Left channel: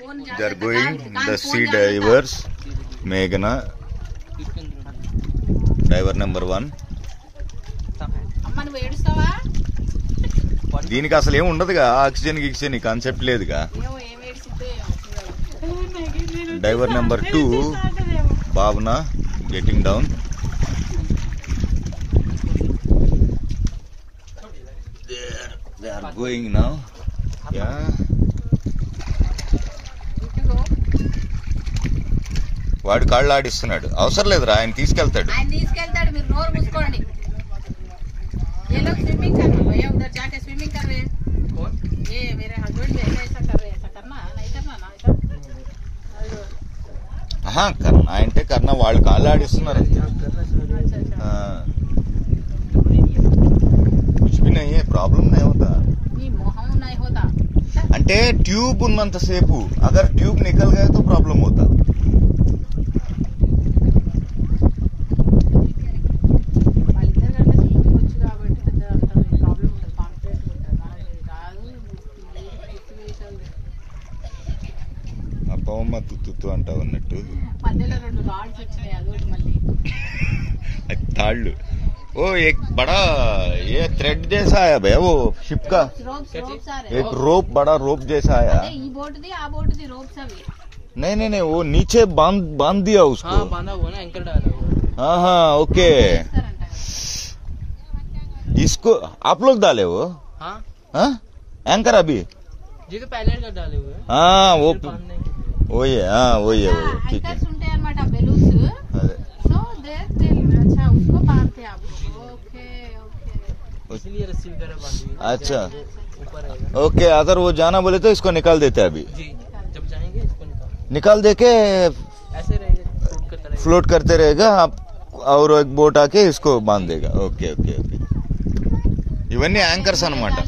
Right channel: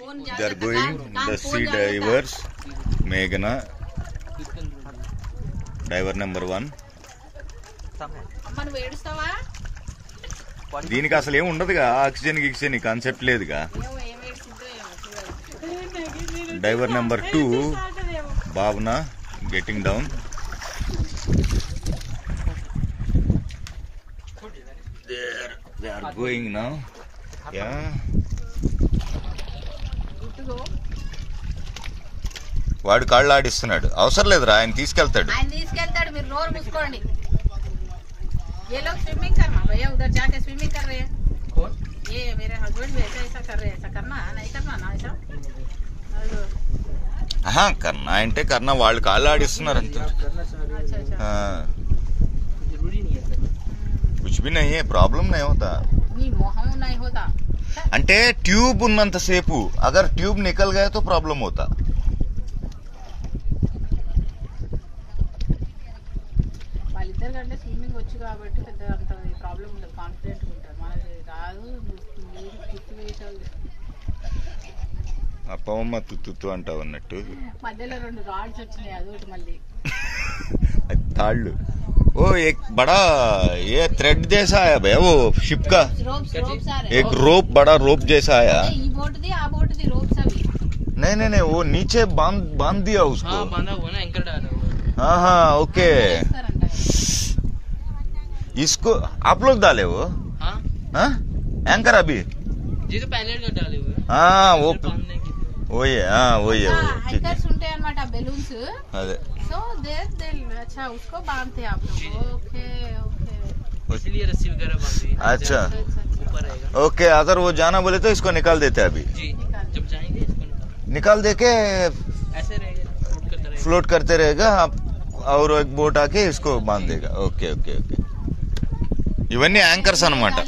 They are going the sea divers. Meghna, diver number 1. దీనికి అసలు ఏమి ఉండదుగా, ఆక్సిజన్ గిక్సిజన్ కాన్సెప్ట్ లేదుగా. డైవర్ నెంబర్ 2 భావన getting down. They are going now. Yeah. వాడు కాళ్ళు ఆడిస్తున్నాడు. అవసరం లేదురా, ఆయన తీసుకెళ్తాడు. మీరు నోరు మూసుకోండి. ये लोग स्विमिंग करना भैया, उधर जाके स्विमिंग कर रहे हैं. कौन? ये मेरे हस्बैंड भी ऐसा कर रहे हैं. ऐसा करना है, नहीं करना ना ऐसा. हाँ करना అంటే करना, వాళ్ళు కాళ్ళు ఆడిస్తున్నారు అంతే. कुछ भी नहीं है, प्रॉब्लम नहीं होता. नहीं होता అంటే ట్యూబ్ ఉన్నంత సేపు, अगर ट्यूब निकल गया तो प्रॉब्लम होता. అప్పమ్మ తుత్తు అంటావు అన్నట్టు. అది తాళ్ళు. ओ एक बड़ा ये थ्रेड जैसा आया भैया, वो शिप का एक रोप, बड़ा रोप जैसा आया. नहीं नहीं नहीं, वो नीचे बांध दिया उसको. हाँ हाँ ओके. इसको आप लोग डाले वो? हाँ एंकर अभी जी तो पहले डाले हुए. हाँ वो वही है. हाँ वही है. अरे अच्छा उसको बांधते हैं आप. ओके इसलिए रस्सी वगैरह बांधी. अच्छा ओके. अगर वो जाना बोले तो इसको निकाल देते हैं अभी. जब जाएंगे इसको निकाल दे के ऐसे रहेगा, फ्लोट करते रहेगा और एक बोट आके इसको बांध देगा. Okay okay okay. ఇవన్నీ యాంకర్స్ అన్నమాట.